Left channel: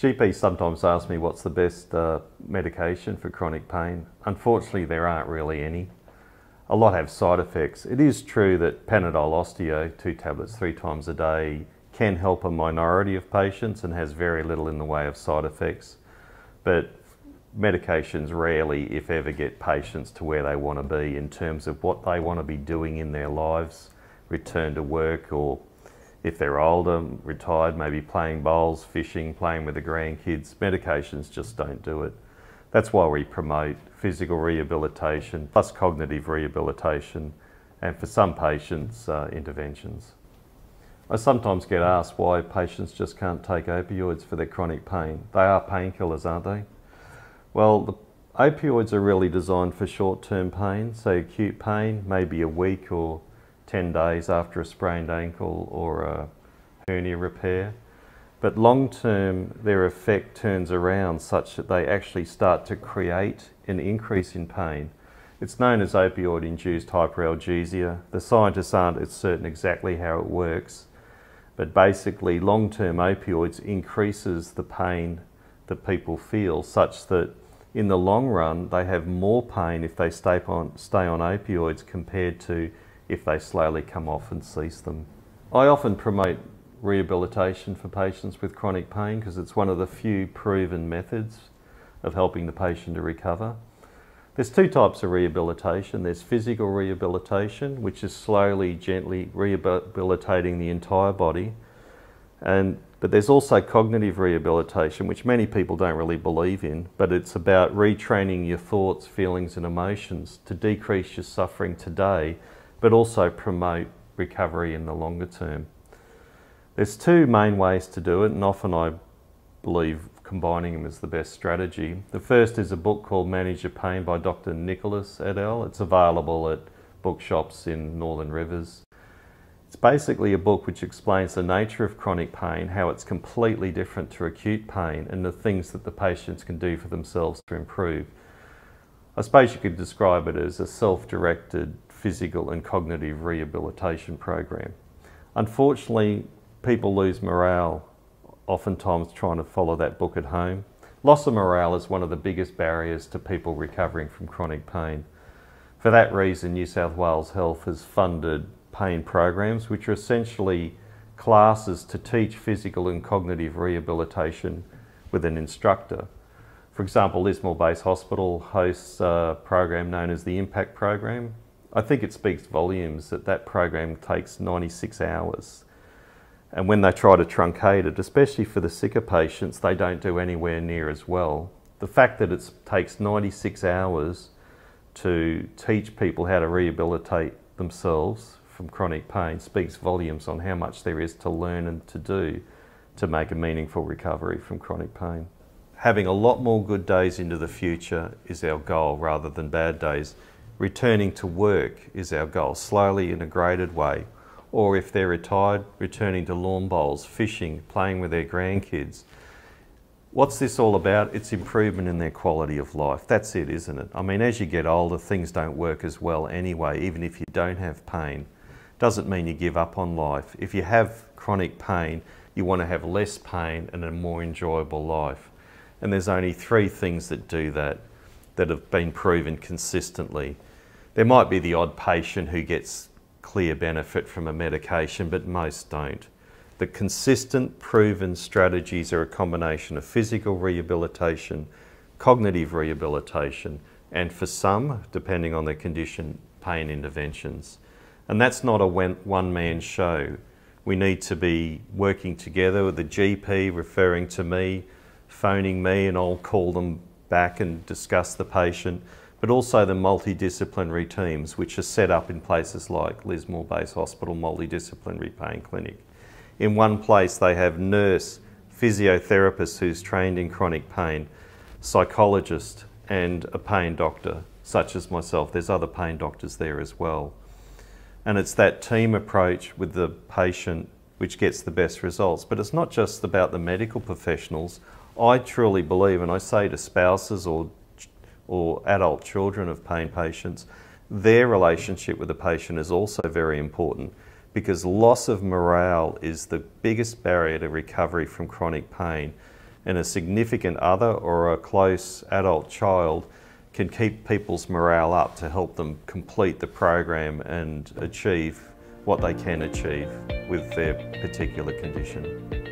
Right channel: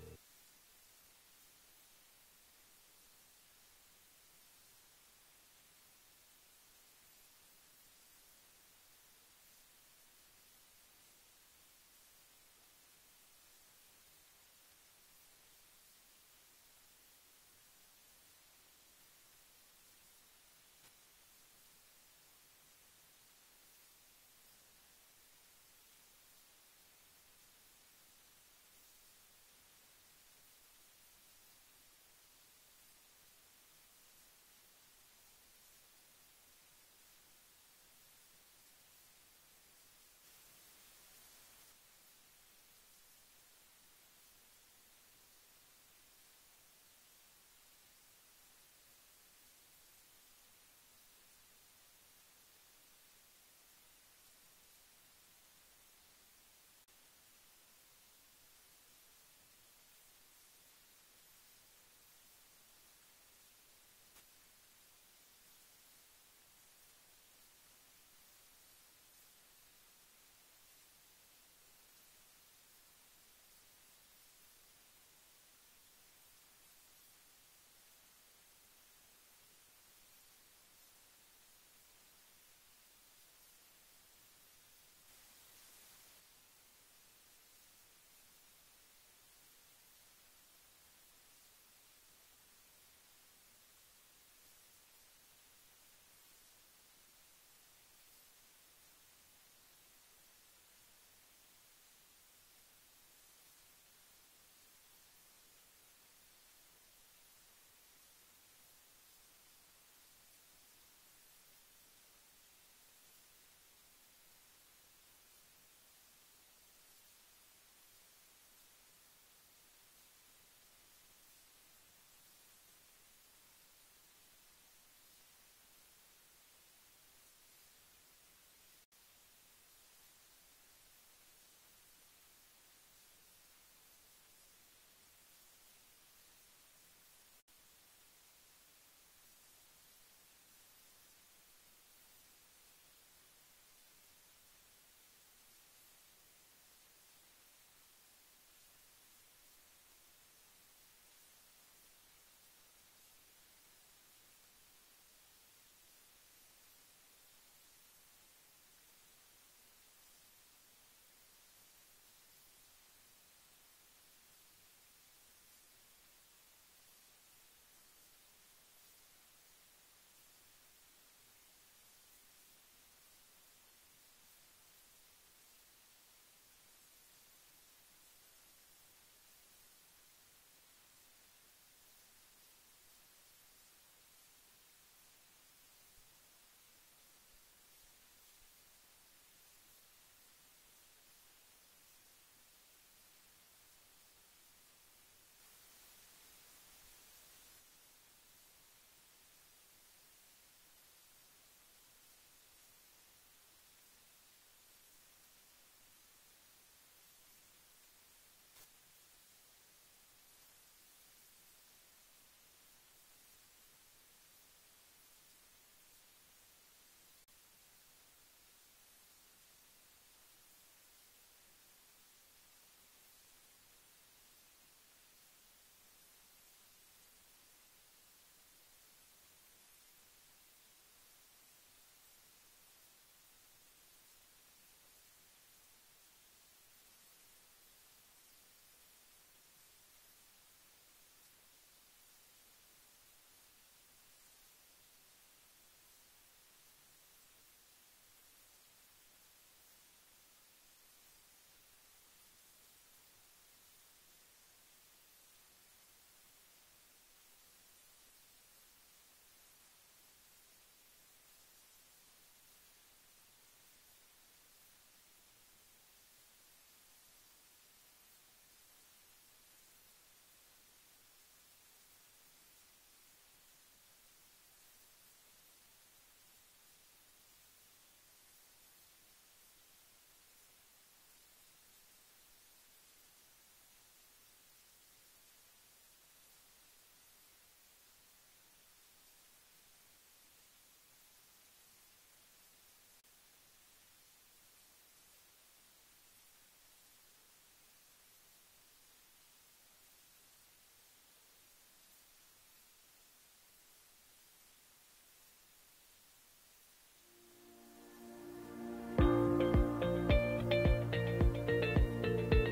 GPs sometimes ask me what's the best medication for chronic pain. Unfortunately, there aren't really any. A lot have side effects. It is true that Panadol Osteo, 2 tablets 3 times a day, can help a minority of patients and has very little in the way of side effects. But medications rarely, if ever, get patients to where they want to be in terms of what they want to be doing in their lives, return to work, or if they're older, retired, maybe playing bowls, fishing, playing with the grandkids. Medications just don't do it. That's why we promote physical rehabilitation plus cognitive rehabilitation, and for some patients, interventions. I sometimes get asked why patients just can't take opioids for their chronic pain. They are painkillers, aren't they? Well, the opioids are really designed for short-term pain, so acute pain, maybe a week or 10 days after a sprained ankle or a hernia repair. But long-term, their effect turns around such that they actually start to create an increase in pain. It's known as opioid-induced hyperalgesia. The scientists aren't as certain exactly how it works, but basically long-term opioids increases the pain that people feel such that in the long run they have more pain if they stay on opioids compared to if they slowly come off and cease them. I often promote rehabilitation for patients with chronic pain because it's one of the few proven methods of helping the patient to recover. There's 2 types of rehabilitation. There's physical rehabilitation, which is slowly, gently rehabilitating the entire body. But there's also cognitive rehabilitation, which many people don't really believe in, but it's about retraining your thoughts, feelings and emotions to decrease your suffering today, but also promote recovery in the longer term. There's 2 main ways to do it, and often I believe combining them is the best strategy. The first is a book called Manage Your Pain by Dr Nicholas et al. It's available at bookshops in Northern Rivers. It's basically a book which explains the nature of chronic pain, how it's completely different to acute pain, and the things that the patients can do for themselves to improve. I suppose you could describe it as a self-directed physical and cognitive rehabilitation program. Unfortunately, people lose morale oftentimes trying to follow that book at home. Loss of morale is one of the biggest barriers to people recovering from chronic pain. For that reason, New South Wales Health has funded pain programs, which are essentially classes to teach physical and cognitive rehabilitation with an instructor. For example, Lismore-based hospital hosts a program known as the Impact Program. I think it speaks volumes that that program takes 96 hours. And when they try to truncate it, especially for the sicker patients, they don't do anywhere near as well. The fact that it takes 96 hours to teach people how to rehabilitate themselves from chronic pain speaks volumes on how much there is to learn and to do to make a meaningful recovery from chronic pain. Having a lot more good days into the future is our goal rather than bad days. Returning to work is our goal, slowly in a graded way. Or if they're retired, returning to lawn bowls, fishing, playing with their grandkids. What's this all about? It's improvement in their quality of life. That's it, isn't it? I mean, as you get older, things don't work as well anyway, even if you don't have pain. Doesn't mean you give up on life. If you have chronic pain, you want to have less pain and a more enjoyable life. And there's only 3 things that do that have been proven consistently. There might be the odd patient who gets clear benefit from a medication, but most don't. The consistent, proven strategies are a combination of physical rehabilitation, cognitive rehabilitation, and for some, depending on their condition, pain interventions. And that's not a one-man show. We need to be working together with the GP referring to me, phoning me, and I'll call them back and discuss the patient, but also the multidisciplinary teams which are set up in places like Lismore-based Hospital Multidisciplinary Pain Clinic. In one place they have nurse, physiotherapist who's trained in chronic pain, psychologist and a pain doctor, such as myself. There's other pain doctors there as well. And it's that team approach with the patient which gets the best results. But it's not just about the medical professionals. I truly believe, and I say to spouses or adult children of pain patients, their relationship with the patient is also very important, because loss of morale is the biggest barrier to recovery from chronic pain. and a significant other or a close adult child can keep people's morale up to help them complete the program and achieve what they can achieve with their particular condition.